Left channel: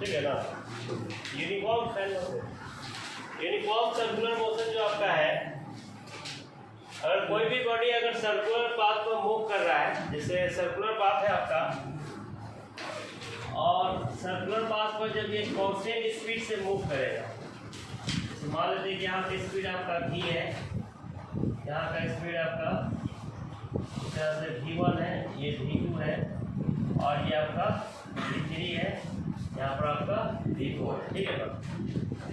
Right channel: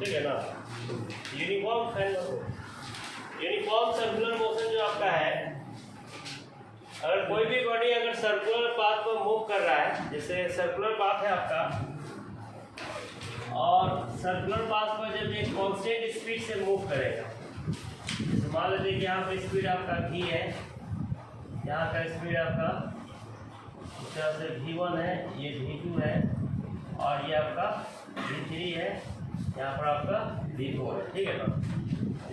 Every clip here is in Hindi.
ठीक है ना। यूनिफॉर्म यूनिफॉर्म सर्कुलर मोशन जो आपका है, अगर कोई भी बॉडी अगर सर्कुलर पाथ पर मूव कर रहा है, जैसे सर्कुलर पाथ है आपका, और सर्कुलर पाथ पर जब ये कांस्टेंट स्पीड से मूव करेगा, तो मान लेते हैं कि यहाँ का स्पीड आपका v है, यहाँ का स्पीड आपका इस तरह से v1 है, ये v2 है, और ये आपका v3 है, यहाँ पर आपका v4, ठीक है ना।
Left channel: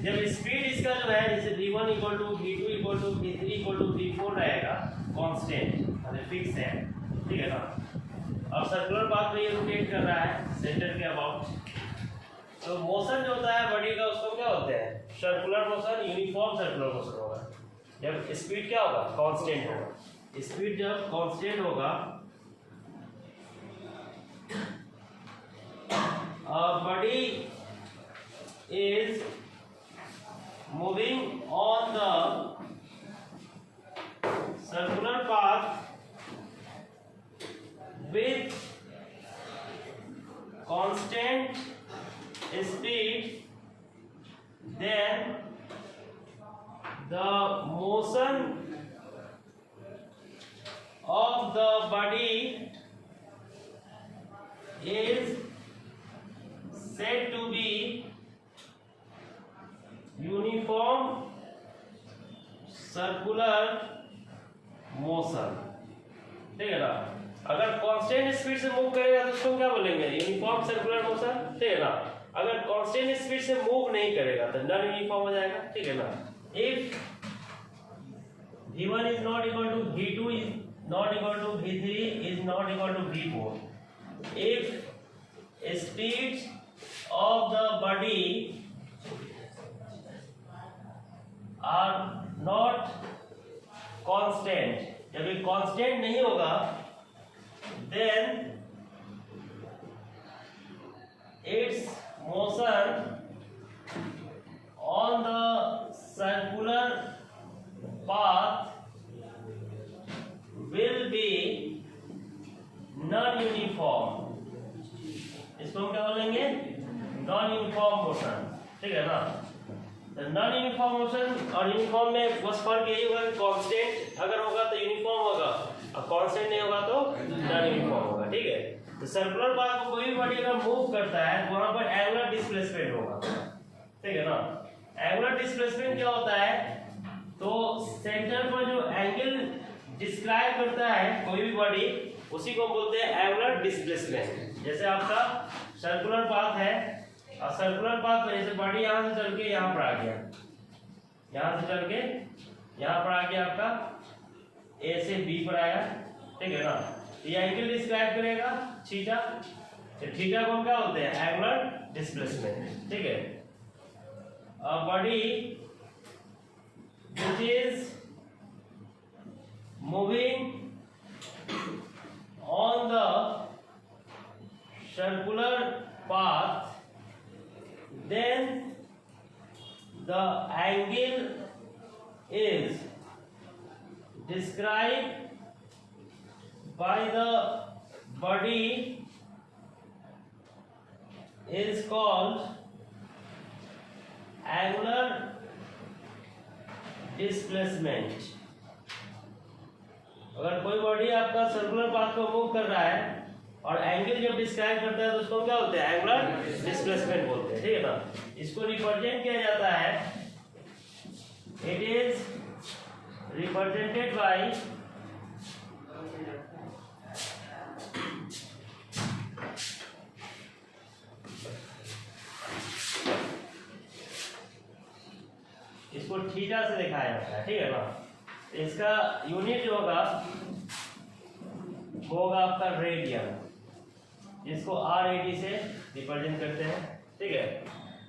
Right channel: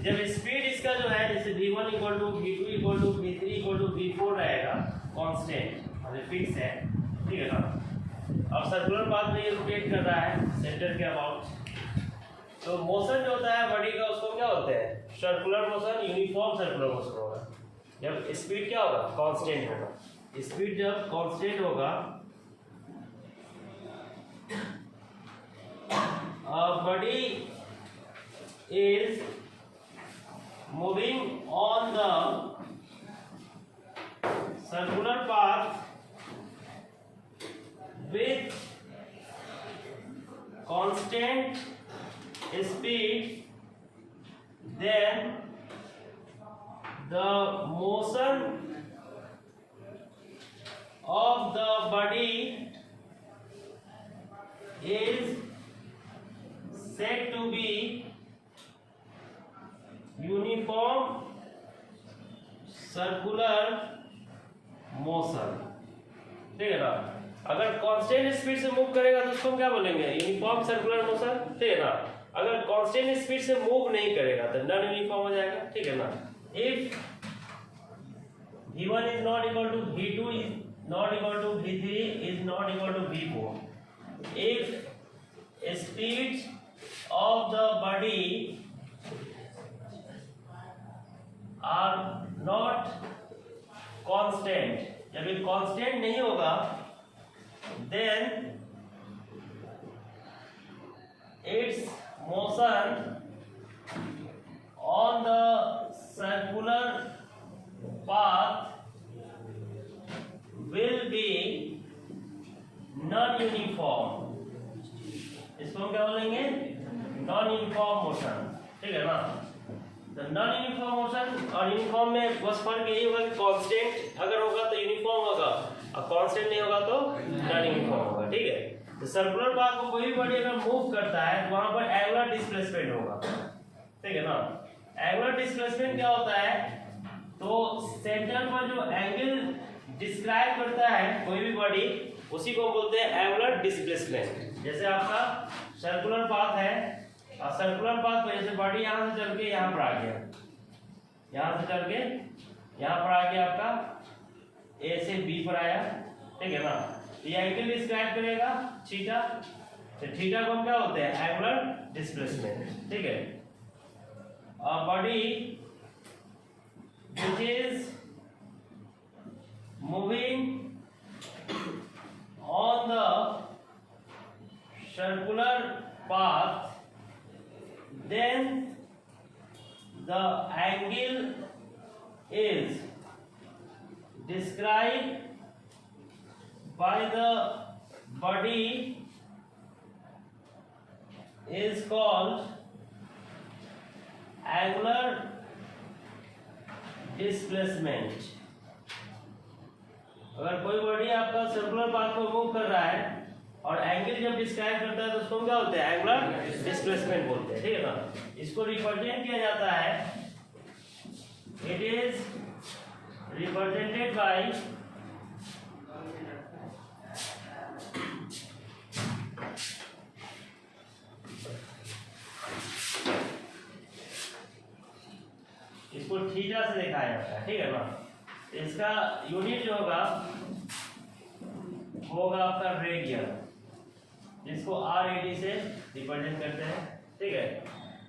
जब स्पीड इसका जो है, जैसे v1 equal to v2 equal to v3 equal to v4 रहेगा, कांस्टेंट फिक्स है, ठीक है ना। और सर्कुलर पाथ में ये रोटेट कर रहा है सेंटर के अबाउट, तो मोशन जो होता है बॉडी का उसको क्या होते हैं, circular motion, uniform circular motion होगा। जब स्पीड क्या होगा, कांस्टेंट होगा। स्पीड जब कांस्टेंट होगा, body is moving on the circular path with constant speed, then the motion of the body is said to be uniform circular motion, ठीक है ना। अगर कांस्टेंट स्पीड से मूव करेगा तो उसको हम क्या बोलेंगे, यूनिफॉर्म सर्कुलर मोशन, ठीक है ना। अगर कांस्टेंट स्पीड से मूव नहीं करेगा तो नॉन यूनिफॉर्म हो जाएगा, ठीक है ना। If v1 is not equal to v2 is not equal to v3 is not equal to v4, if speed of the body are not constant, जब ये कांस्टेंट नहीं होगा, then its motion on the circular path will be non-uniform, इसको हम क्या बोलेंगे, नॉन यूनिफॉर्म मोशन, ठीक है ना। तो नॉन यूनिफॉर्म मोशन और यूनिफॉर्म में बस फर्क यही होगा कि कांस्टेंट अगर होगा तो यूनिफॉर्म होगा, और कांस्टेंट नहीं होगा तो नॉन यूनिफॉर्म होगा, ठीक है। तो सर्कुलर पाथ को कोई भी बॉडी अगर मूव करता है तो वहां पर एंगुलर डिस्प्लेसमेंट होगा, ठीक है ना। एंगुलर डिस्प्लेसमेंट क्या होता है, तो सेंटर पर जो एंगल डिस्क्राइब करता है कोई भी बॉडी, उसी को बोलते हैं एंगुलर डिस्प्लेसमेंट। जैसे आपका सर्कुलर पाथ है, और सर्कुलर पाथ में जैसे बॉडी यहाँ से चल के यहाँ पर आ गया, यहाँ से चल के यहाँ पर आ गया, आपका ए से बी पर आया, ठीक है ना। तो ये एंगल डिस्क्राइब करेगा थीटा, तो थीटा को हम क्या बोलते हैं, एंगुलर डिस्प्लेसमेंट, ठीक है। Body which is moving on the circular path, then the angle is described by the body is called angular displacement। अगर कोई बॉडी आपका सर्कुलर पाथ को मूव कर रहा है और एंगल जब डिस्क्राइब करता है तो उसको क्या बोलते हैं, एंगुलर डिस्प्लेसमेंट बोलते हैं, ठीक है ना। इसको रिप्रेजेंट किया जाता है, इट इज रिप्रेजेंटेड बाय इसको थीटा से दिखाया जाता है, ठीक है ना। इसका यूनिट जो होगा वो होगा आपका रेडियन, जिसको RAD से रिप्रेजेंट करते हैं, ठीक है।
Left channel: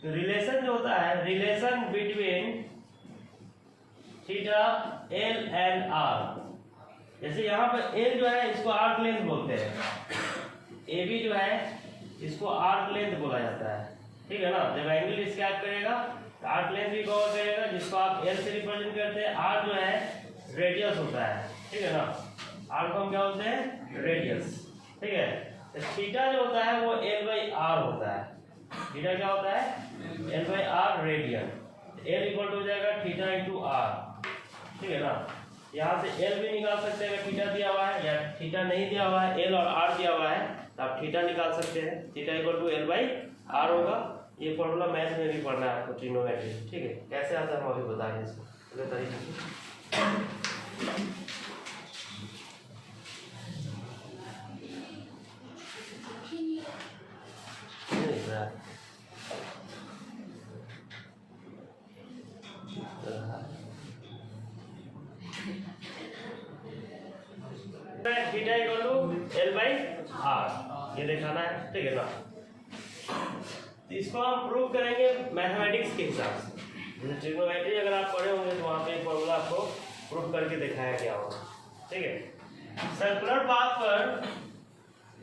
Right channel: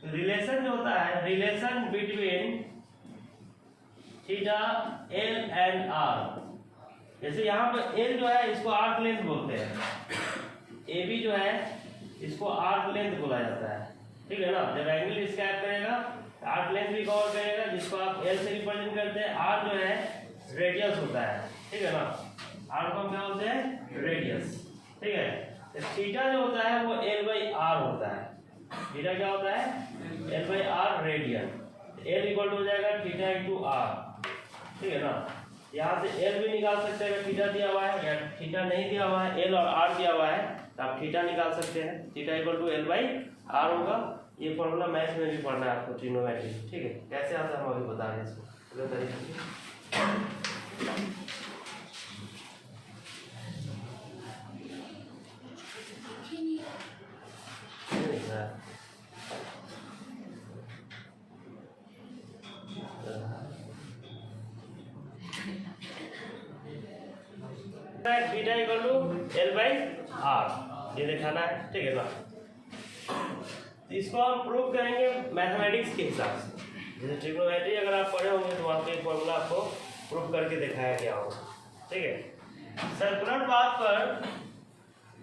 तो रिलेशन जो होता है, relation between theta L and R, जैसे यहाँ पर L जो है इसको आर्क लेंथ बोलते हैं, AB जो है इसको आर्क लेंथ बोला जाता है, ठीक है ना। जब एंगल डिस्क्राइब करेगा तो आर्क लेंथ भी कवर करेगा, जिसको आप L से रिप्रेजेंट करते हैं। R जो है रेडियस होता है, ठीक है ना। R को हम क्या बोलते हैं, रेडियस, ठीक है। थीटा जो होता है वो L/R होता है, थीटा क्या होता है L by R radian. L equal to हो जाएगा थीटा इंटू आर, ठीक है ना। यहाँ से एल भी निकाल सकते हैं, अगर थीटा दिया हुआ है या थीटा नहीं दिया हुआ है, एल और आर दिया हुआ है तो आप थीटा निकाल सकते हैं। Theta equal to L by R होगा। ये फॉर्मूला मैथ में भी पढ़ना है आपको, ट्रिग्नोमेट्री, ठीक है। कैसे आता है हम अभी बता रहे हैं इसको पूरे तरीके से। Theta equal to L by R, ये दिखाना है, ठीक है ना। इसको हम प्रूव करेंगे मैथमेटिक्स के हिसाब से। जैसे ट्रिग्नोमेट्री अगर आप पढ़े होंगे तो वहाँ पे फॉर्मूला आपको प्रूव करके दिखाया गया होगा, ठीक है। सर्कुलर पाथ पर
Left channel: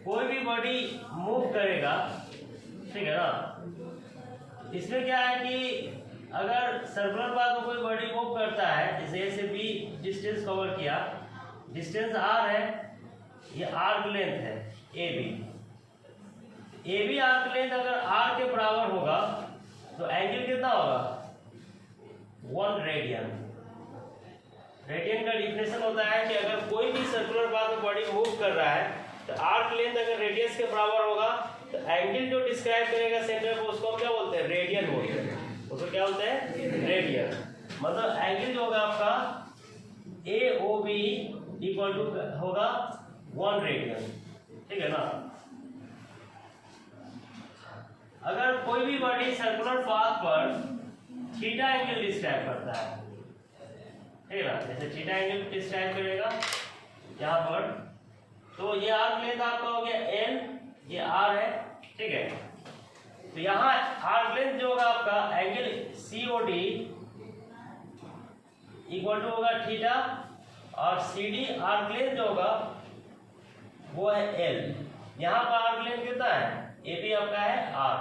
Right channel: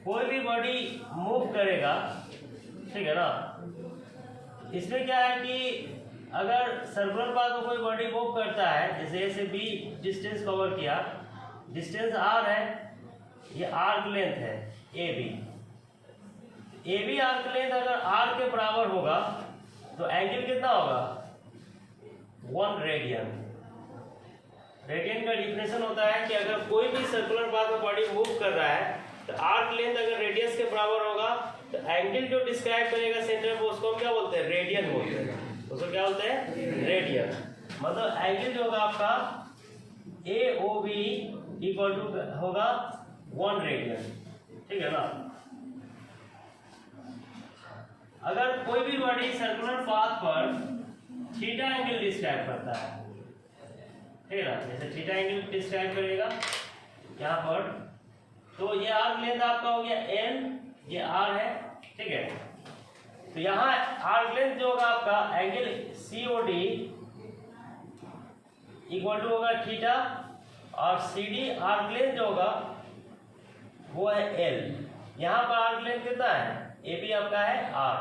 कोई भी बॉडी मूव करेगा, ठीक है ना। इसमें क्या है कि अगर सर्कुलर पाथ पर कोई बॉडी मूव करता है, जैसे ए से बी डिस्टेंस कवर किया, डिस्टेंस आर है, ये आर्क लेंथ है ए बी आर्क लेंथ अगर आर के बराबर होगा तो एंगल कितना होगा 1 रेडियन। रेडियन का डिफिनेशन होता है कि अगर कोई भी सर्कुलर पाथ में बॉडी मूव कर रहा है तो आर्क लेंथ अगर रेडियस के बराबर होगा तो एंगल जो डिस्क्राइब करेगा सेंटर पर उसको हम क्या बोलते हैं, रेडियन बोलते हैं। उसको क्या बोलते हैं, रेडियन। मतलब एंगल जो होगा आपका ए ओ बी इक्वल टू होगा 1 रेडियन, ठीक है ना। अगर कोई भी बॉडी सर्कुलर पाथ पर थीटा एंगल डिस्क्राइब करता है, ठीक है ना, जैसे थीटा एंगल डिस्क्राइब करेगा यहाँ पर, तो ये आर्क लेंथ आपका हो गया एल, ये आर है, ठीक है। तो यहाँ आर्क लेंथ जो होगा आपका angle C O D equal to होगा थीटा, और सी डी आर्क लेंथ जो होगा वो है एल। यहाँ पर आर्क लेंथ कितना है, ए बी आपका है आर,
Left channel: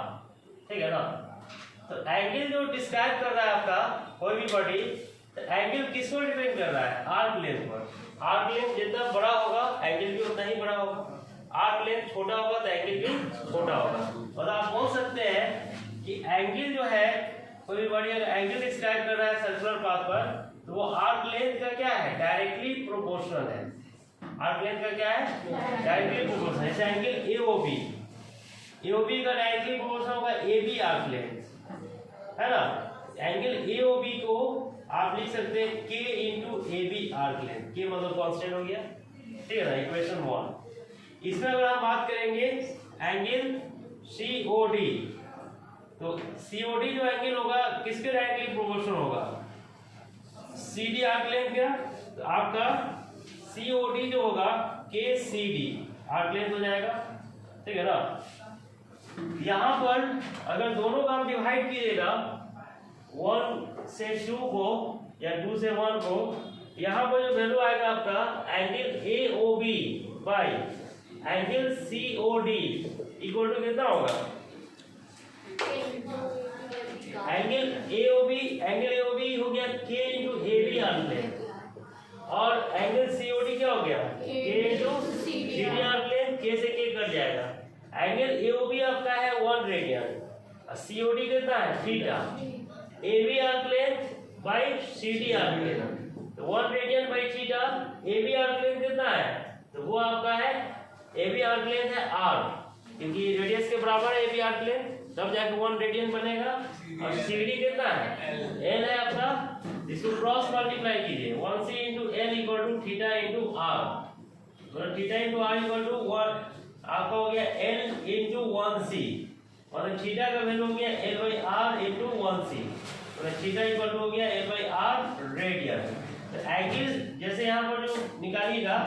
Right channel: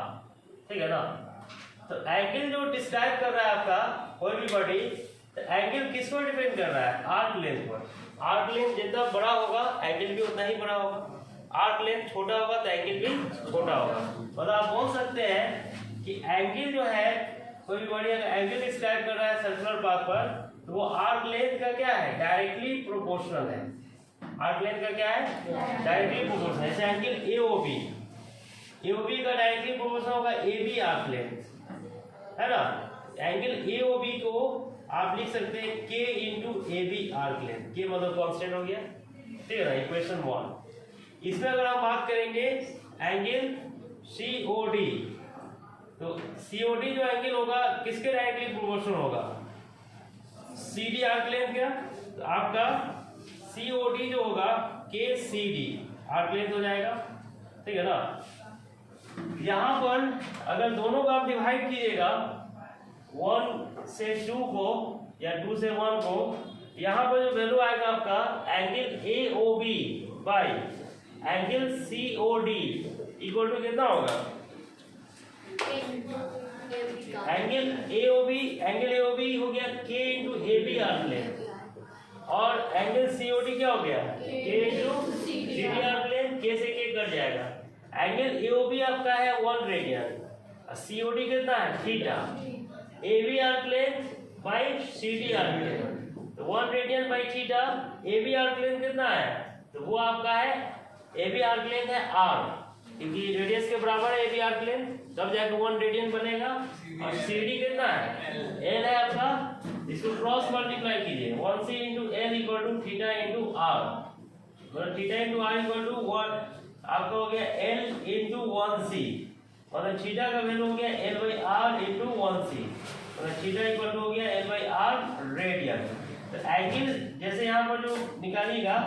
ठीक है ना। तो एंगल जो डिस्क्राइब कर रहा है आपका कोई भी बॉडी, तो एंगल किस पर डिपेंड कर रहा है, आर्क लेंथ पर। आर्क लेंथ जितना बड़ा होगा एंगल भी उतना ही बड़ा होगा, आर्क लेंथ छोटा होगा तो एंगल भी छोटा होगा। मतलब आप बोल सकते हैं कि एंगल जो है, कोई भी बॉडी अगर एंगल डिस्क्राइब कर रहा है सर्कुलर पाथ पर, तो वो आर्क लेंथ का क्या है, डायरेक्टली प्रोपोर्शनल है। आर्क लेंथ का क्या है, डायरेक्टली प्रोपोर्शनल। जैसे एंगल एओबी का डायरेक्टली प्रोपोर्शनल होगा एबी आर्क लेंथ, है ना। एंगल एओबी को आप लिख सकते हैं K into A B arc length. K मतलब कांस्टेंट हो गया, ठीक है ना, इक्वेशन 1। इसमें अगर हम बात करेंगे एंगल सीओडी, तो सीओडी जो एंगल होगा किसके डायरेक्टली प्रोपोर्शनल होगा, सीडी आर्क लेंथ का। तो आपका सीओडी जो होगा के सी डी आर्क लेंथ हो जाएगा, ठीक है ना। यहाँ पर अगर दोनों का आप डिवाइड कीजिएगा 1 से 2 को या 2 से 1 को, यहाँ पर जो वैल्यू आएगा आपका angle A O B by angle C O D equal to कितना होगा, एंगल ए ओ बी हो गया K into A B arc length, और एंगल सी ओ डी क्या हो गया, K into C D arc length. K से के कट जाएगा। एंगल ए ओ बी आपका है 1 रेडियन, सी ओ डी कितना है theta, A B arc length by C D arc length, 1 radian by theta. A B arc length कितना है, तो वो आपका है ए बी आर्क लेंथ है आर, क्योंकि रेडियस के बराबर है ए बी आर्क लेंथ, तब जाकर 1 रेडियन बनेगा। और सी डी कितना है, एल है आपका, इसको क्रॉस मल्टीप्लाई कीजिए, 1 C into L equal to theta into R, मतलब theta into R equal to 1 आपका हो गया एल इंटू 1 सी, मतलब थीटा का वैल्यू हो गया एल बाई आर इंटू 1 सी, मतलब थीटा इक्वल टू हो गया एल बाई आर रेडियन। तो एंगल जैसे यहाँ पर जो निकालिएगा,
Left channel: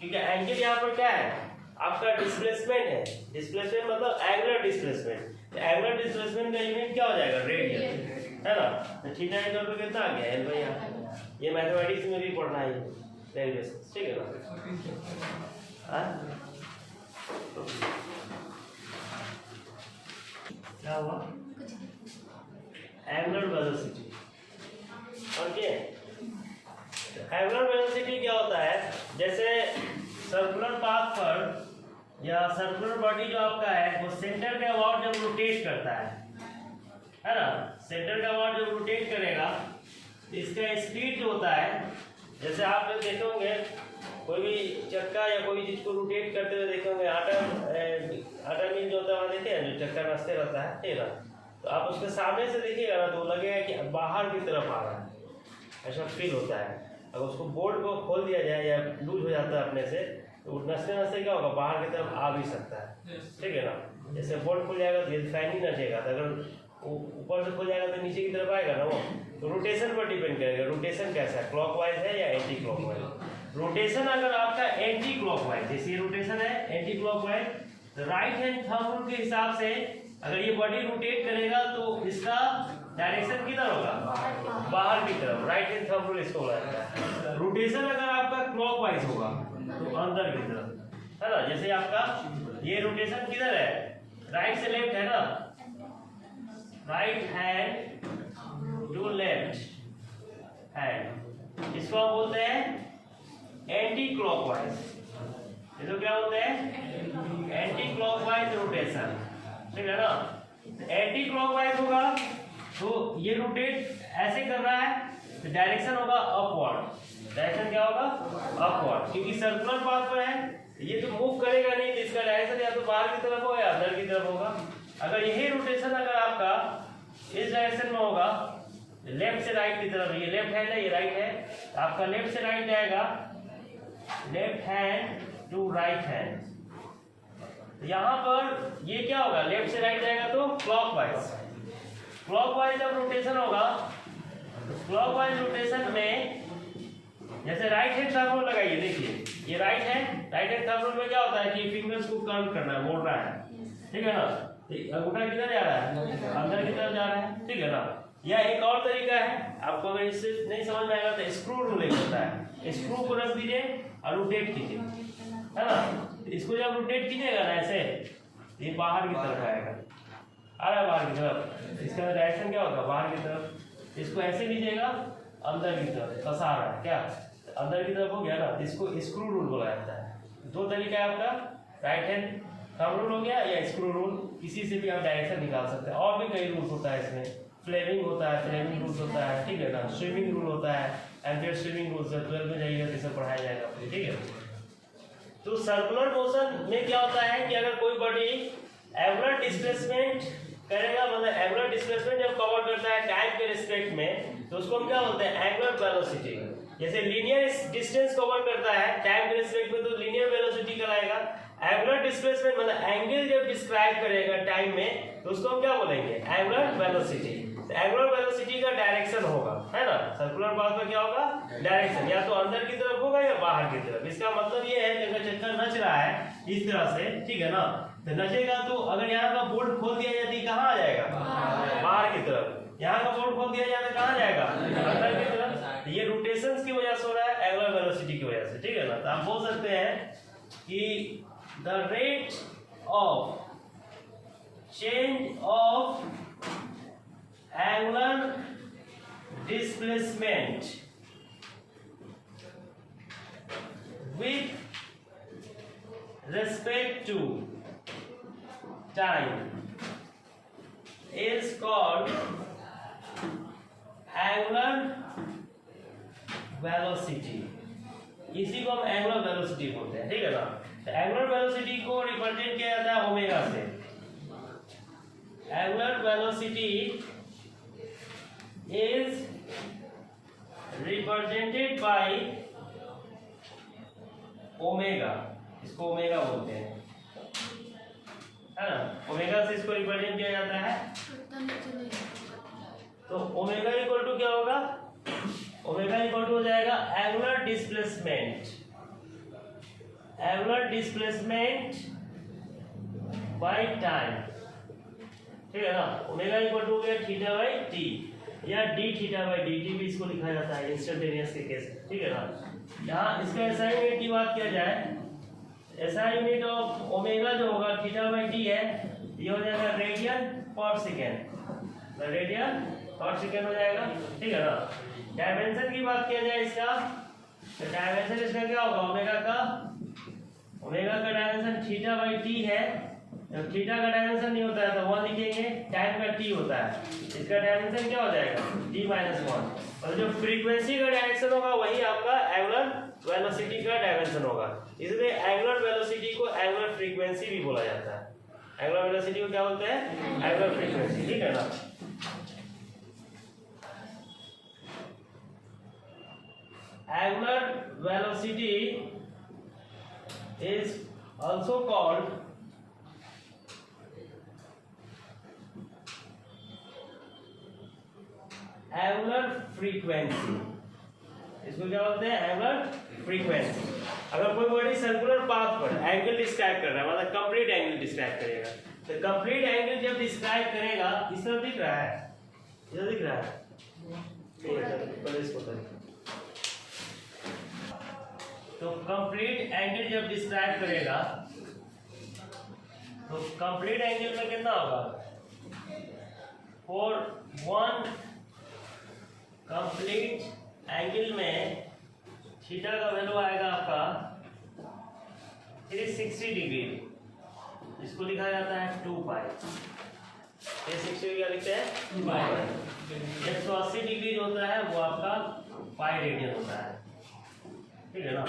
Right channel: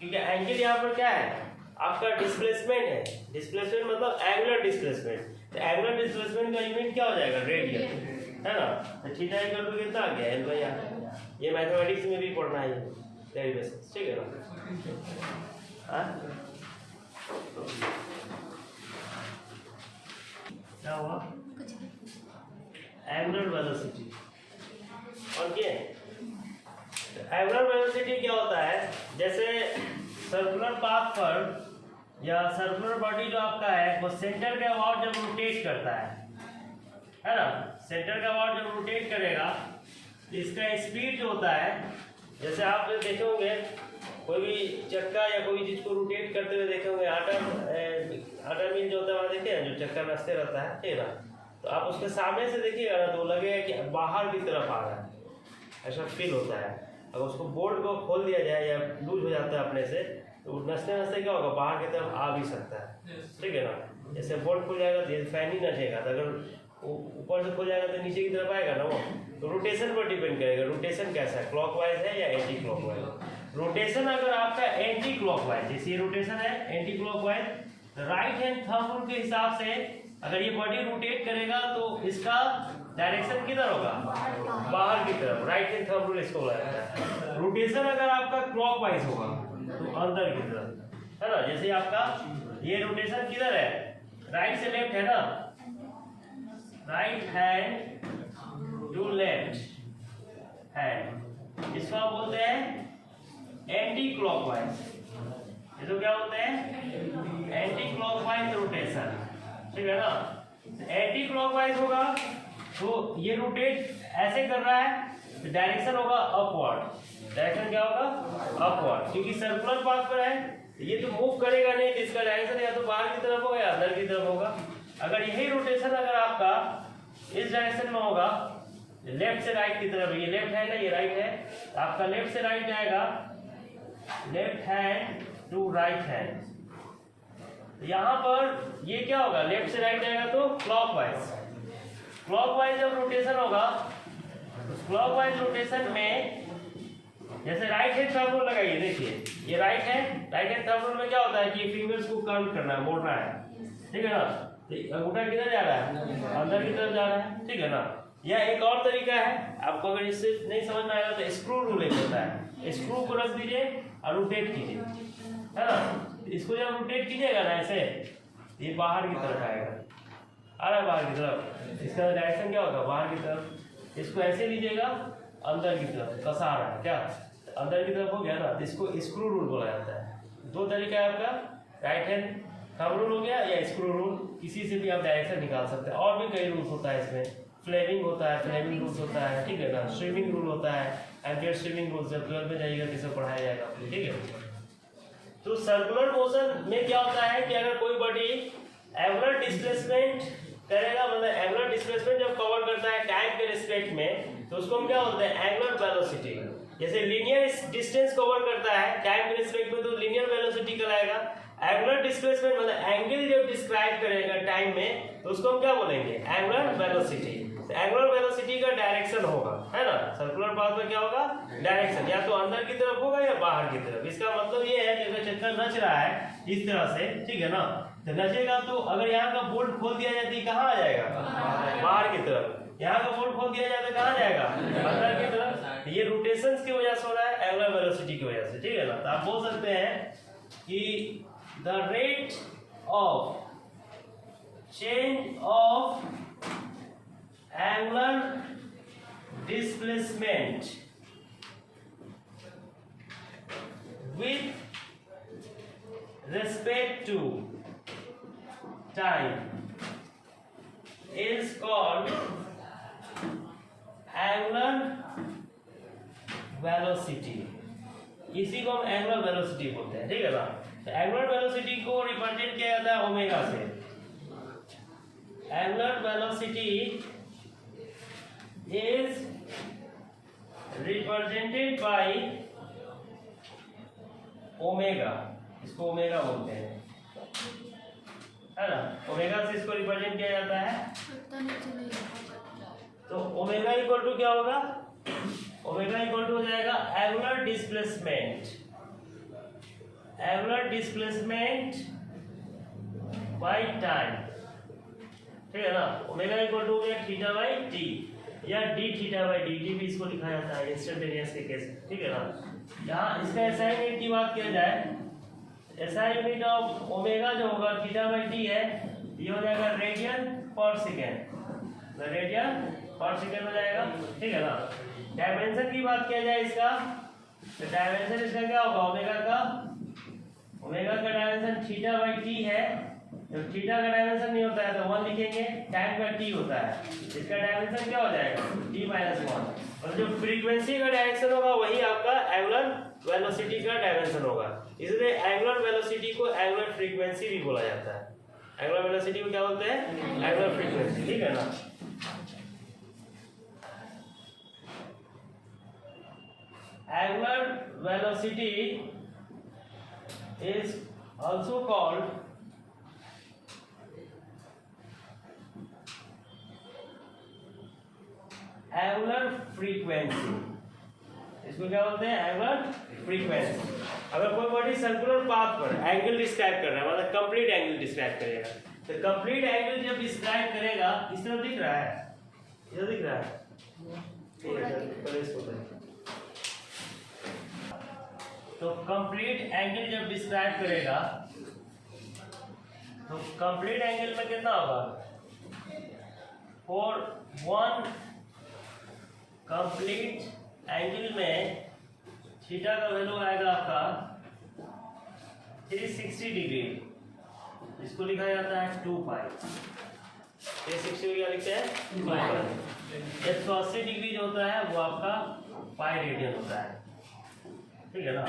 क्योंकि एंगल यहाँ पर क्या है आपका डिस्प्लेसमेंट है, डिस्प्लेसमेंट मतलब एंगुलर डिस्प्लेसमेंट, तो एंगुलर डिस्प्लेसमेंट का यूनिट क्या हो जाएगा, रेडियन, है ना। तो थीटा इक्वल टू कितना आ गया एल बाई आर। ये मैथमेटिक्स में भी पढ़ना है डेरिवेशन, ठीक है ना। हाँ क्या हुआ, angular velocity. Okay, angular velocity क्या होता है, जैसे सर्कुलर पाथ पर या सर्कुलर बॉडी जो आपका है वो सेंटर के अबाउट जब रोटेट करता है ना, सेंटर का अबाउट जब रोटेट करेगा तो इसका स्पीड जो होता है, जैसे आप लोग देखे होंगे कोई भी चक्का या कोई चीज को रोटेट करते हुए देखे होंगे, आटा मिल जो होता है वहाँ देखिए जो चक्का नचते रहता है, ठीक है ना, तो आप उसके सामने से देखिएगा ना तो लगेगा कि बाहर की तरफ आ रहा है, ऐसा फील होता है। अगर उसको बोर्ड को खोल दिया जाए या लूज हो जाता है अपने से तो नचते नचते क्या होगा, बाहर की तरफ आ भी सकता है, ठीक है ना। जैसे बोर्ड खुल जाएगा तो ये फैन ही नचेगा, तो अगर ऊपर से खुल जाएगा तो नीचे की तरफ आएगा ना वो, तो रोटेशन पर डिपेंड करेगा रोटेशन कैसा है, क्लॉकवाइज है या एंटी क्लॉकवाइज। रोटेशन अगर आपका एंटी क्लॉकवाइज, जैसे रोटेशन है anti clockwise, right hand thumb rule के हिसाब से अगर ये बॉडी रोटेट करेगा तो इसका डायरेक्शन किधर होगा, बाहर की तरफ, राइट हैंड थंब रूल इसको बोला जाता है। रोटेशन अगर आपका क्लॉकवाइज होगा तो अंदर की तरफ, है ना, जैसे आपका ये रोटेशन किधर है, राइट से लेफ्ट है ना, right hand to left hand, इसको हम बोलते हैं एंटी क्लॉकवाइज। इसको क्या बोलते हैं, एंटी क्लॉकवाइज रोटेशन, ठीक है ना। एंटी क्लॉकवाइज होगा तो ये रोटेट ऐसे कर रहा है तो डायरेक्शन होगा अपवर्ड, डायरेक्शन क्या होगा, अपवर्ड, क्योंकि सर्कुलर पाथ पर है ये तो मूव करेगा नहीं, तो इसका डायरेक्शन या तो बाहर की तरफ होगा या अंदर की तरफ होगा। अगर यही रोटेशन अगर आपका इस डायरेक्शन में होगा, लेफ्ट से राइट की तरफ, ये लेफ्ट हैंड है ये राइट है, तो आपका लेफ्ट से राइट जाएगा, left hand to right hand, यहाँ पर ये क्या होगा, लेफ्ट से राइट जाएगा तो क्लॉकवाइज, क्लॉकवाइज जब रोटेशन होगा, क्लॉकवाइज रोटेशन में जैसे राइट हैंड थंब रूल लगाइए, देखिए ये राइट हैंड थंब रूल में क्या होता है कि फिंगर्स को कर्व करना है, मोड़ना है, ठीक है ना, तो अंगूठा किधर जा रहा है, अंदर की तरफ जा रहा है, ठीक है ना। या एक और तरीका है, आपको अगर इससे नहीं समझ में आएगा तो स्क्रू रूल एक होता है, स्क्रू को रख दीजिए और रोटेट कीजिए, है ना, इसको जब रोटेट कीजिएगा ना ऐसे, ये बाहर की तरफ आएगा, आ रहा है बाहर की तरफ, इसका डायरेक्शन क्या होगा, बाहर की तरफ। इसको ऐसे लीजिएगा अंदर की तरफ, कसा रहा है क्या, अंदर की तरफ हो गया ना, इसको स्क्रू रूल बोला जाता है। दो तरीका है आपका, राइट हैंड थंब रूल हो गया या स्क्रू रूल, किसी से भी आप डायरेक्शन निकाल सकते हैं। और भी कई रूल्स होता है इसमें, फ्लेमिंग होता है, फ्लेमिंग रूल्स होता है, ठीक है ना, स्विमिंग रूल होता है, एंटी स्विमिंग रूल्स, जब 12 में जाइएगा तो इसे पढ़ाया जाएगा आपको, ठीक है। तो सर्कुलर मोशन में क्या होता है कि अगर कोई बॉडी एंगुलर डिस्प्लेसमेंट करेगा, मतलब एंगुलर डिस्प्लेसमेंट जब कवर करता है टाइम के रिस्पेक्ट में, तो उसको हम क्या बोलते हैं, एंगुलर वेलोसिटी। जैसे लीनियर डिस्टेंस कवर करता है टाइम के रिस्पेक्ट में तो लीनियर वेलोसिटी कहलाएगा। एंगुलर डिस्प्लेसमेंट मतलब एंगल जब डिस्क्राइब करेगा टाइम में तो उसको हम क्या बोलेंगे, एंगुलर वेलोसिटी। तो एंगुलर वेलोसिटी का डायरेक्शन होगा, है ना, सर्कुलर पाथ में क्या होगा, डायरेक्शन या तो अंदर की तरफ होगा या बाहर की तरफ। इसका मतलब ये है कि अगर चक्कर नच रहा है इस तरह से, ठीक है ना, तो नचेगा तो अगर यहाँ का बोल्ट खोल दिया जाए तो कहाँ आ जाएगा, बाहर की तरफ। यहाँ का बोल्ट खोल दिया जाए तो कहाँ जाएगा, अंदर की तरफ। ये रोटेशंस की वजह से हो रहा है, एंगुलर वेलोसिटी की वजह से, ठीक है ना। तो आप बोल सकते हैं कि the rate of change of angular displacement with respect to time is called angular velocity। इसी को हम एंगुलर वेलोसिटी बोलते हैं, ठीक है ना। तो एंगुलर वेलोसिटी को रिप्रेजेंट किया जाता है ओमेगा से। Angular velocity is represented by omega, इसको ओमेगा बोलते हैं, है ना। ओमेगा से इसको रिप्रेजेंट किया जाता है। तो ओमेगा इक्वल टू क्या होगा, ओमेगा इक्वल टू हो जाएगा angular displacement, angular displacement by time, ठीक है ना। ओमेगा इक्वल टू हो गया थीटा बाय टी या D theta by D T भी इसको लिखा जाता है इंस्टेंटेनियस के केस, ठीक है ना। यहाँ इसका एसआई यूनिट की बात किया जाए, एसआई यूनिट ऑफ ओमेगा जो होगा थीटा बाय टी है, ये हो जाएगा रेडियन पर सेकेंड, रेडियन पर सेकेंड हो जाएगा, ठीक है ना। डायमेंशन की बात किया जाए इसका, तो डायमेंशन इसका क्या होगा, ओमेगा का ओमेगा का डायमेंशन थीटा बाई टी है, तो थीटा का डायमेंशन नहीं होता है तो 1 लिखेंगे, टाइम का टी होता है, इसका डायमेंशन क्या हो जाएगा टी माइनस 1, और जो फ्रीक्वेंसी का डायरेक्शन होगा वही आपका एंगुलर वेलोसिटी का डायमेंशन होगा, इसलिए एंगुलर वेलोसिटी को एंगुलर फ्रीक्वेंसी भी बोला जाता है। एंगुलर वेलोसिटी को क्या बोलते हैं, एंगुलर फ्रीक्वेंसी, ठीक है ना। Angular velocity is also called angular frequency, इसको क्या बोलते हैं एंगुलर फ्रीक्वेंसी। अगर कोई बॉडी सर्कुलर पाथ पर एंगल डिस्क्राइब कर रहा है, मतलब कंप्लीट एंगल डिस्क्राइब करेगा, तो कंप्लीट एंगल जब डिस्क्राइब करेगा, इस तरह दिख रहा है, इधर दिख रहा है, ठीक है सर, पहले इसको करें। तो कंप्लीट एंगल जब डिस्क्राइब करेगा तो कंप्लीट एंगल में कितना होगा, फॉर वन कंप्लीट एंगल में थीटा का वैल्यू आएगा आपका 360 डिग्री, इसको लिखा जाता है 2 पाई। 360 क्या लिखते हैं 2 पाई। 180 डिग्री होता है वो आपका पाई रेडियन होता है, ठीक है ना।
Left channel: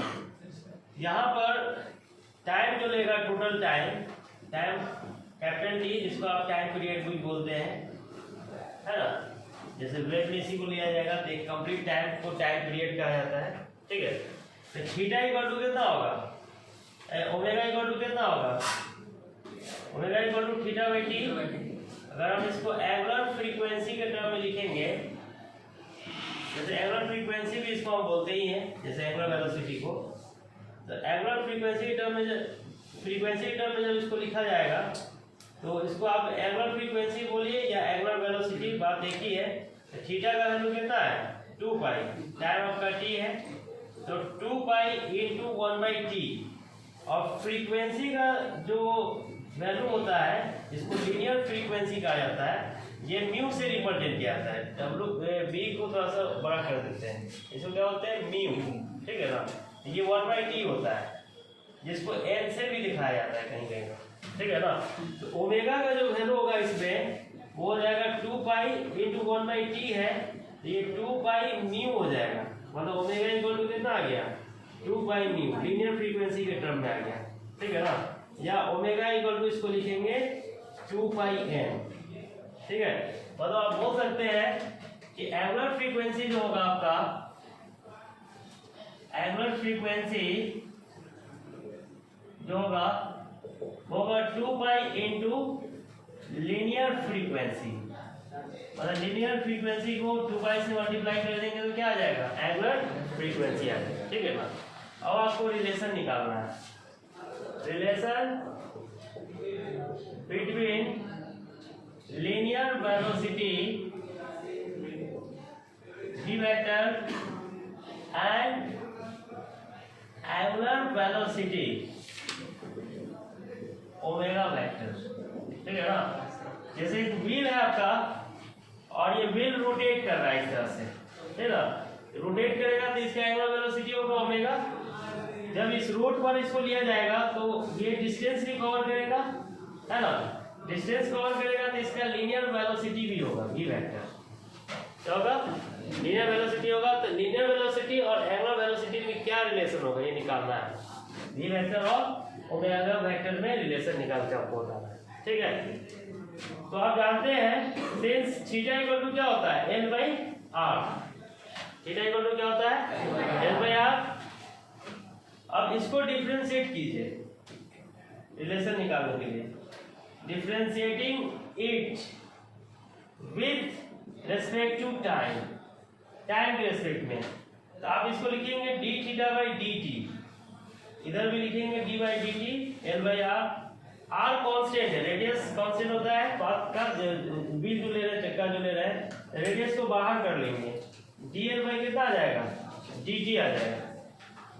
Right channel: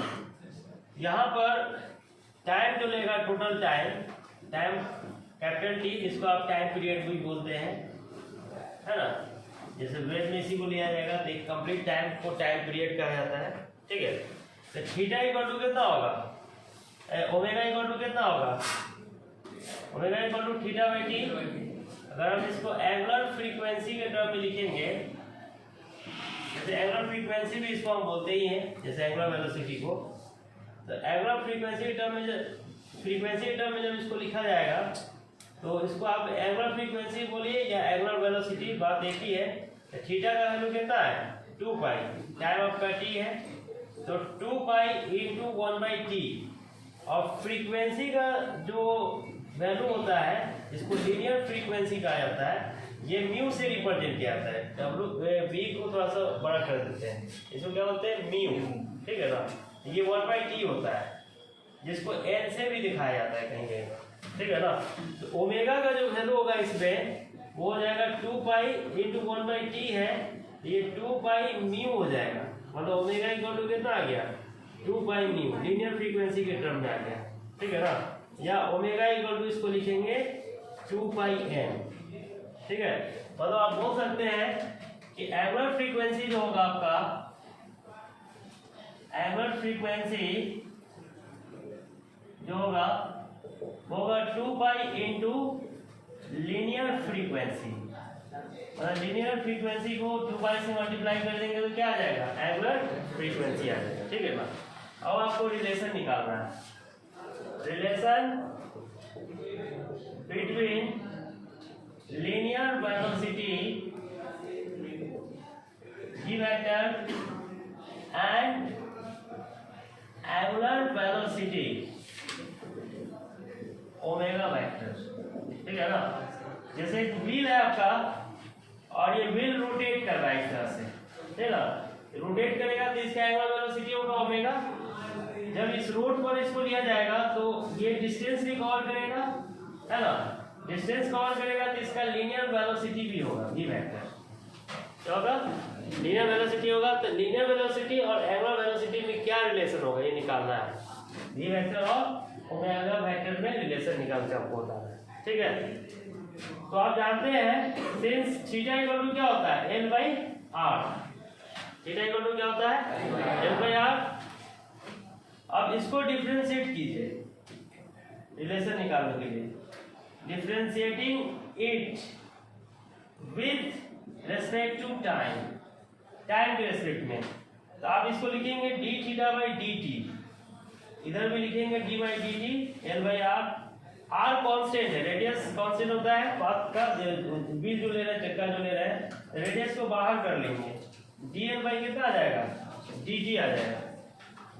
यहाँ पर टाइम जो लेगा टोटल टाइम कैपिटल टी, जिसको आप टाइम पीरियड भी बोलते हैं, है ना। जैसे वेट में इसी को लिया जाएगा तो एक कंप्लीट टाइम को टाइम पीरियड कहा जाता है, ठीक है। तो थीटा इक्वल टू कितना होगा, ओमेगा इक्वल टू कितना होगा, omega equal to theta by T. अगर हम इसको एंगुलर फ्रीक्वेंसी के टर्म में लिखेंगे, जैसे एंगुलर फ्रीक्वेंसी भी इसको हम बोलते ही हैं, जैसे एंगुलर वेलोसिटी को, तो एंगुलर फ्रीक्वेंसी टर्म में जब इसको लिखा जाएगा तो इसको आप एंगुलर फ्रीक्वेंसी बोलिए या एंगुलर वेलोसिटी, बात देखी है। तो थीटा का वैल्यू कितना है 2 पाई, टाइम आपका टी है, तो 2 पाई इंटू 1/t, और फ्रीक्वेंसी का जो वैल्यू होता है इसको लीनियर फ्रीक्वेंसी कहा जाता है, ये म्यू से रिप्रेजेंट किया जाता है, डब्ल्यू वी को थोड़ा सा बड़ा कर देते हैं, इसको क्या बोलते हैं म्यू, ठीक है ना। ये 1/t होता है, जिसको n से भी दिखाया जाता है कहीं कहीं, ठीक है ना। तो ओमेगा का जो वैल्यू होगा इसमें वो हो जाएगा 2 पाई इंटू 1/t है, तो ये 2 पाई म्यू हो जाएगा, मतलब ओमेगा इक्वल टू कितना आ गया 2 पाई म्यू, लीनियर फ्रीक्वेंसी के टर्म में आ गया, ठीक है ना। या ओमेगा इक्वल टू इसको लिखेंगे 2 पाई n, ठीक है। मतलब आप बोल सकते हैं कि एंगुलर फ्रीक्वेंसी जो होगा आपका, एंगुलर फ्रीक्वेंसी जो होगा वो होगा 2 पाई इंटू लीनियर फ्रीक्वेंसी, मतलब लीनियर फ्रीक्वेंसी को 2 पाई से मल्टीप्लाई कर देंगे तो क्या आ जाएगा एंगुलर फ्रीक्वेंसी आ जाएगा, ठीक है ना। अब आपको रिलेशन निकालना है, relation between linear velocity v vector and angular velocity omega vector, ठीक है ना। जैसे व्हील है आपका और ये व्हील रोटेट कर रहा है इस तरह से, ठीक है ना। रोटेट करेगा तो इसका एंगुलर वेलोसिटी होगा ओमेगा। जब इस रूट पर इसको लिया जाएगा तो ये डिस्टेंस भी कवर करेगा, है ना। डिस्टेंस कवर करेगा तो इसका लीनियर वेलोसिटी भी होगा v वेक्टर, क्या होगा लीनियर वेलोसिटी होगा। तो लीनियर वेलोसिटी और एंगुलर वेलोसिटी में क्या रिलेशन होगा ये निकालना है, v वेक्टर और ओमेगा वेक्टर में रिलेशन निकाल के आपको बताना है, ठीक है। तो आप जानते हैं सिंस थीटा इक्वल टू क्या होता है L/r, थीटा इक्वल टू क्या होता है L/r। अब इसको डिफरेंशिएट कीजिए रिलेशन निकालने के लिए, differentiating it with respect to time के रेस्पेक्ट में, तो आप इसको लिखेंगे d थीटा बाई dt, इधर भी लिखेंगे d by dt L/r। r constant है, रेडियस कांस्टेंट होता है पाथ का, व्हील जो ले रहे हैं, चक्का जो ले रहे हैं, रेडियस को बाहर कर लेंगे, dl बाई कितना आ जाएगा dt आ जाएगा,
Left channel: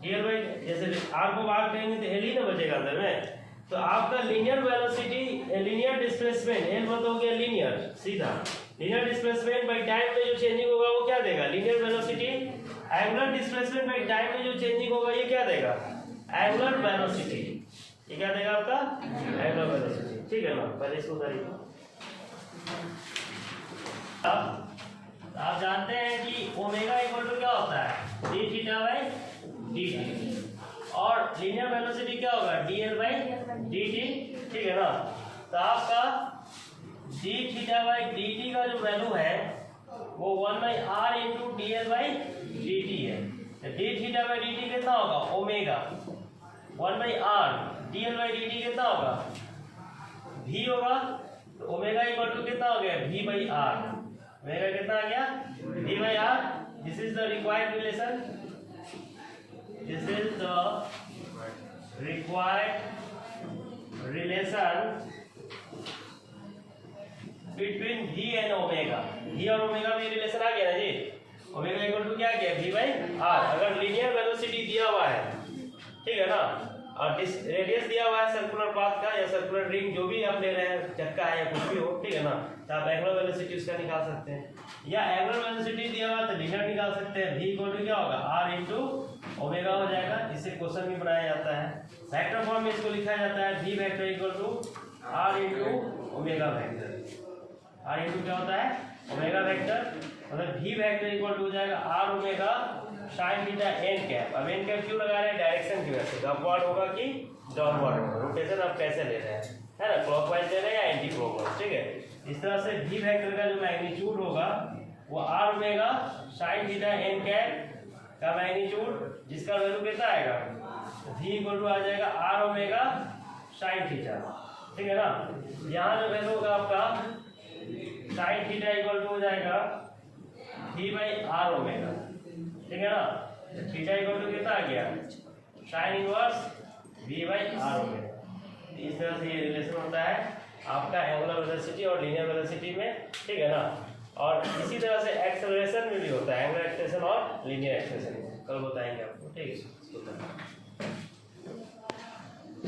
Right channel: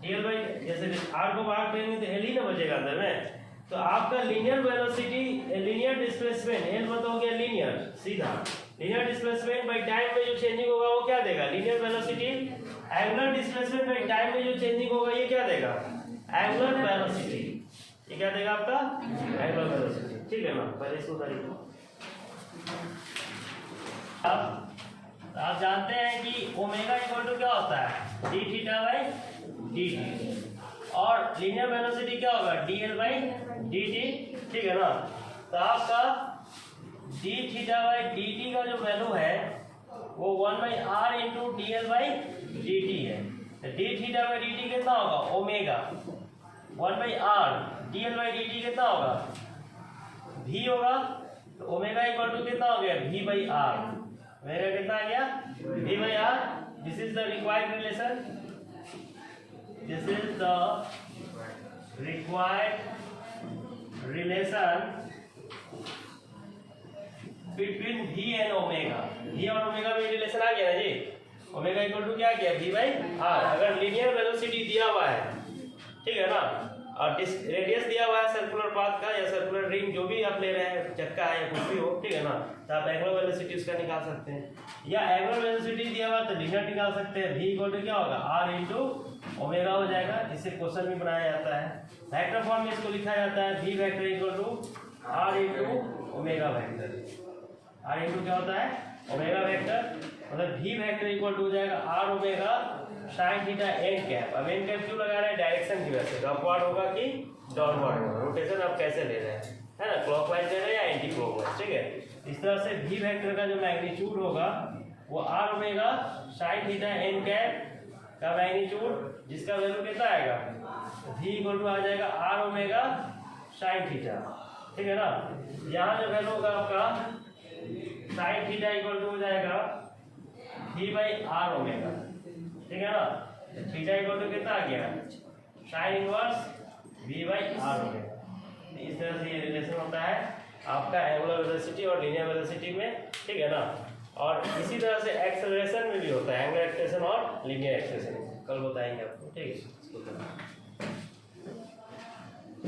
dl बाई जैसे r को बाहर करेंगे तो l ही ना बचेगा अंदर में। तो आपका linear velocity, linear displacement, l मतलब हो गया लीनियर सीधा, लीनियर डिस्प्लेसमेंट बाई टाइम में जो चेंजिंग होगा वो क्या देगा linear velocity, angular displacement by time में जो चेंजिंग होगा ये क्या देगा एंगुलर वेलोसिटी, ये क्या देगा आपका एंगुलर वेलोसिटी, ठीक है ना। पहले इसको उतारिए। आप जानते हैं कि ओमेगा इक्वल टू क्या होता है d theta by d t, और लीनियर वेलोसिटी क्या होगा d l by d t, ठीक है ना। तो आपका d theta by d t का जो वैल्यू है वो 1/r into d l by d t है। D theta by d t कितना होगा omega 1/r, d l by d t कितना होगा v होगा। तो ओमेगा इक्वल टू कितना हो गया v बाई आर, ओमेगा कितना आ गया v by R. This is the required relation, this is the required relation between v and omega. v और ओमेगा में रिलेशन आ गया ना जी। ओमेगा इक्वल टू क्या गया v बाई आर। अगर लीनियर वेलोसिटी दिया हुआ है, ठीक है ना, और रेडियस दिया हुआ है सर्कुलर पाथ का या सर्कुलर रिंग जो भी आप ले रहे हैं, चक्का है या कुछ भी हो, ठीक है ना, तो आप एंगुलर वेलोसिटी उसका निकाल सकते हैं, या एंगुलर वेलोसिटी दिया हुआ है तो लीनियर निकाल सकते हैं। v इक्वल टू क्या होगा r इंटू ओमेगा हो जाएगा। इससे क्वेश्चन भी बनाया जाता है, वेक्टर फॉर्म में इसको लिखा जाता है v vector equal to r into omega vector. r into क्या होता है ओमेगा वेक्टर, मतलब v वेक्टर इक्वल टू हो जाएगा r omega sine theta N cap. अब एन कैप क्यों लगा रहे हैं डायरेक्शन की वजह से, अपवर्ड होगा कि डाउनवर्ड होगा, रोटेशन आप कैसे ले रहे हैं, है ना, क्लॉकवाइज ले रहे हैं या एंटी क्लॉकवाइज, ठीक है। इस तरह से v वेक्टर का जो मैग्नीट्यूड होगा वो r omega sine theta N cap का मैग्नीट्यूड, जिसका वैल्यू कितना आएगा v इक्वल टू आ जाएगा r ओमेगा साइन थीटा, ठीक है ना। यहाँ जो वैल्यू होगा आपका साइन थीटा इक्वल टू हो जाएगा v बाई आर ओमेगा, ठीक है ना। थीटा इक्वल टू कितना आ गया sine inverse v by R omega. इस तरह से ये रिलेशन होता है आपका एंगुलर वेलोसिटी और लीनियर वेलोसिटी में, ठीक है ना। और इसी तरह से एक्सेलरेशन में भी होता है, एंगुलर एक्सेलरेशन और लीनियर एक्सेलरेशन, कल बताएंगे आपको, ठीक है।